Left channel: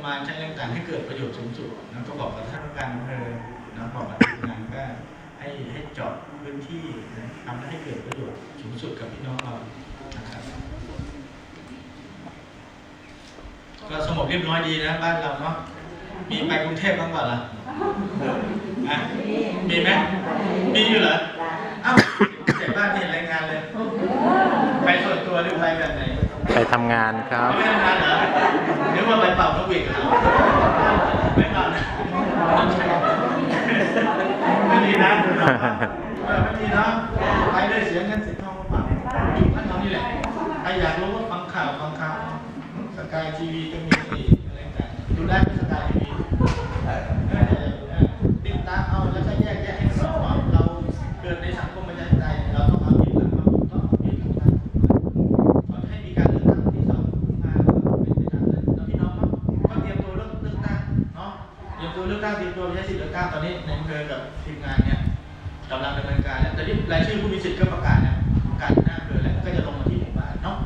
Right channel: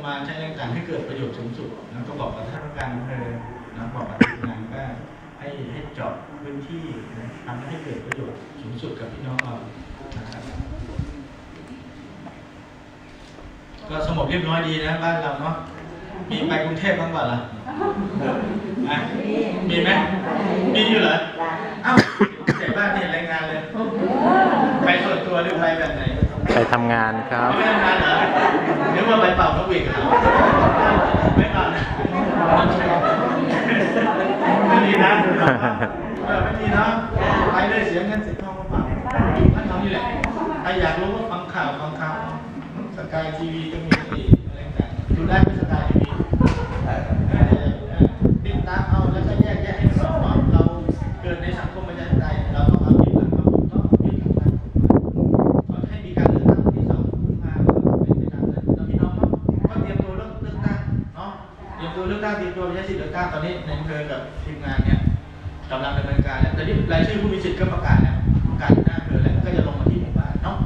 ประมาณใช้แรงต่างให้เกิดประโยชน์สูงสุดนะก็บอกกับท่านผู้การอำเภอนะบอกกับทีมงานว่าให้ให้เจาะพื้นที่นะทำให้เกิดประโยชน์สูงสุดกับพี่น้องเรานะครับก็สงบเรียบร้อยดีนะบ้านเราเนาะมีไปกรุงเทพบ้างเปล่าล่ะอะมีไหมมีอยู่เหรอเอ้าเสียบ้านไม่เห็นรายงานเลย ไปส่วนตัวหรือไปแบบไหน ไปทำงานครับไม่ทำงานเหรอนึกว่าไป เป่านกหวีดเหรอไม่เป่านะไม่มีนะไม่มีเนาะไปเลยเสียเงินเสียทองเปล่าท่านทำนี่แหละใครอยากรู้ก็ฟังข่าวฟังข่าวสกายทีวีก็มีอะไรต่างดูได้ที่สกายทีวีติดตามเอาแล้วก็แยกแยะให้มันออกว่าเราเกิดในสังคมประชาธิปไตยเราต้องเอา เตรียมตัวเลือกตั้งเตรียมตัวไปใช้สิทธิ์เลือกตั้งตอนนี้ในอำเภอกับทีมงานเนี่ยกำลังดำเนินการแล้วแต่นี่รายชื่อผู้มีสิทธิ์ก็ประกาศแล้วประกาศหน้าอำเภอแล้วก็จะลงมาที่หมู่บ้านเนาะ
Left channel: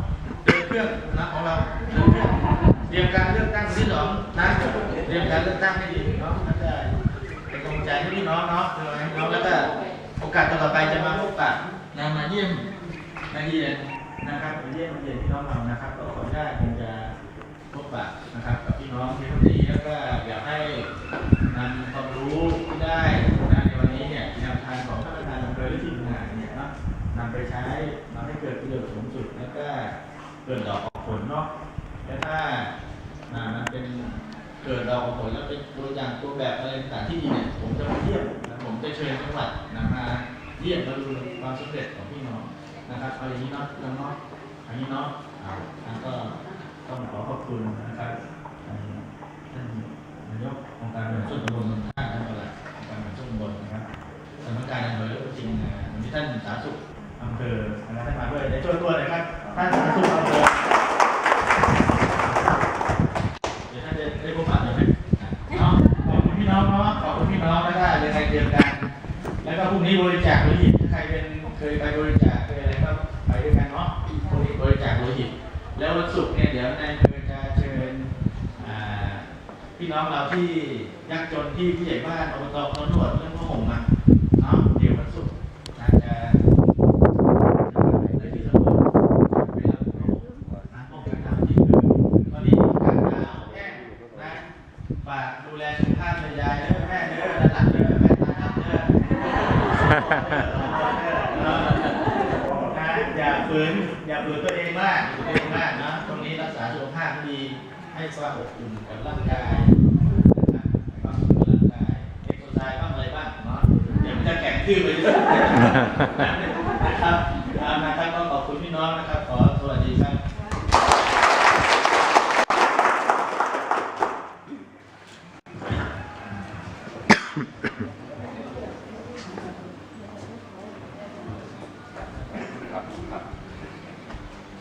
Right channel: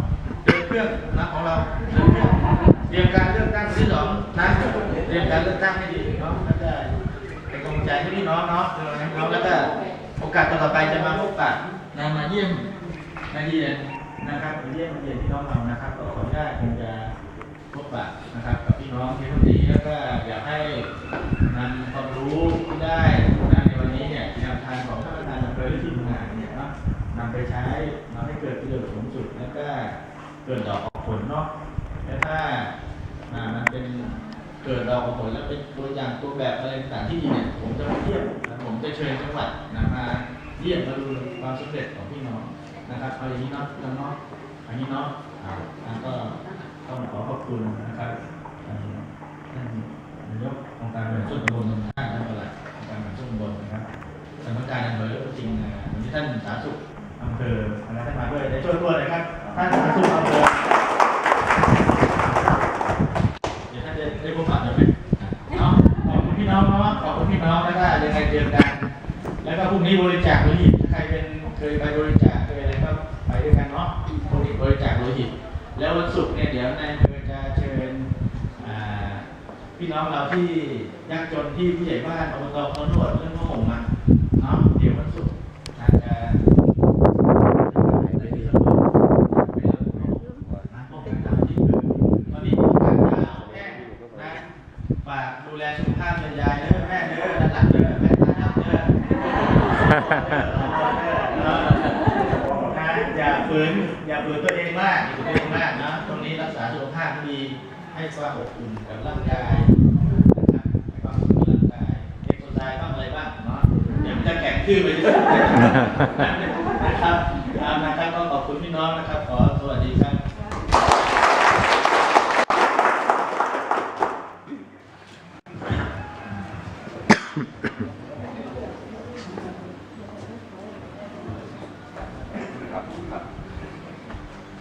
เดินเครื่องนะของเราเดินเครื่องเตรียมการเลือกตั้งที่สองนะเตรียมการเลือกตั้งให้ดีเนาะแล้วก็เป็นกำลังใจให้พี่น้องเนาะเป็นกำลังใจให้พี่น้องแล้วก็โอกาสต่อไปจะมาพบปะนะมาเยี่ยมนาเยี่ยนนะครับมาเยี่ยมมาเยี่ยนพี่น้องเรานะครับก็ขออนุญาตคงจะพบปะนะครับกับ พี่น้องที่วันนี้แล้วก็อยากให้นำความรู้ที่ได้นะในวันนี้เนี่ยแนวทางของท่านประธานอำเภอและทีมงานเนี่ยเนาะนำไปใช้มาให้เกิดประโยชน์สูงสุดแล้วก็เกิดดอกออกผลเนาะและถ้ามันเป็นเกิดดอกออกผลแล้วเป็นตัวอย่างตัวแบบอะไรต่างๆที่ดีเนี่ยผมจะมาเยี่ยมนะผมจะเชิญจังหวัดนะมาเยี่ยมมาดูความสำเร็จของพี่น้องนะครับเอาอย่างนี้เนาะน้องเนาะอันนี้เนาะอ่าก็ต้องขอขอบคุณนะครับ นท่านนายกองค์การบริหารส่วนตำบลท่านท่านประหลัดองค์การบริหารส่วนตำบลนะครับสำนักการอำเภอและจริงๆนะวันนี้ท่านสาธารณสุขอำเภอนะครับท่านมาด้วยได้ช่วยตัวเลยครับท่านสาธารณสุขอำเภอเดี๋ยวท่านจะได้พบปะหน่อยไหมอะเนาะขอบคุณพี่น้องเนาะขอบคุณพี่น้องแล้วก็ยังไงเจอกัน แล้วก็พรุ่งนี้บริจาคโลหิตถ้าใครเป็นเคยไปบริจาคเคยอะไรก็ไปด้วยกันเนาะพรุ่งนี้บริจาคโลหิตแล้ววันศุกร์เนี่ยเดี๋ยวนายอำเภอจะเชิญอ่า พี่น้องเราที่ยากจนที่ผู้ใหญ่บ้านอบตเขาหนวดเรื่องผ้าห่มอะเนาะเดี๋ยววันศุกร์อาจจะไปที่อำเภอไปรับผ้าห่มนะพวกต่างๆที่คือตอนนี้อากาศหนาวแห้งนะฝากดูแลสุขภาพเลยยายเด้อแม่เด้อหลานๆเด้อแม่ตานับเด้อนะอย่าฝืนอย่าฝืนตัวเองมากอย่าฝืนตัวเองมากนะตรงนี้รักษาสุขภาพให้ดี ให้ความอบอุ่นกับร่างกายนะครับให้ความสุขกับร่างกายเอ็กซ์ไซส์บ้างอะไรบ้างเนาะเดี๋ยวมันจะแข็งทื่อไปนะครับตามนะครับก็ขอบคุณพี่น้องนะครับ ขอสวัสดีครับ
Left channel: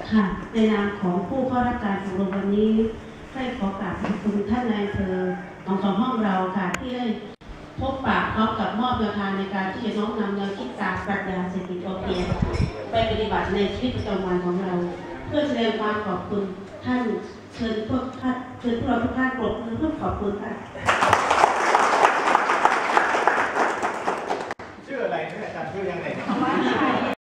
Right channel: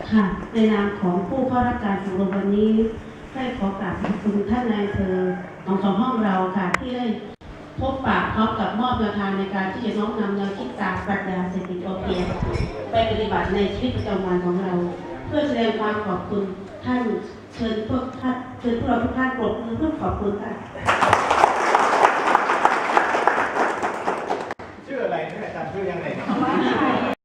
ค่ะในนามของผู้เข้ารับการอบรมวันนี้ ให้ขอกราบขอบคุณท่านนายเธอองสองห้องเราค่ะที่ได้พบปะพร้อมกับมอบแนวทางในการที่จะน้อมนำแนวคิดตามปรัชญาเศรษฐกิจพอเพียงไปปฏิบัติในชีวิตประจำวันของเรา เพื่อแสดงความขอบคุณท่านเชิญพวกท่านเชิญพวกเราทุกท่านกรบมือเพื่อขอบคุณค่ะ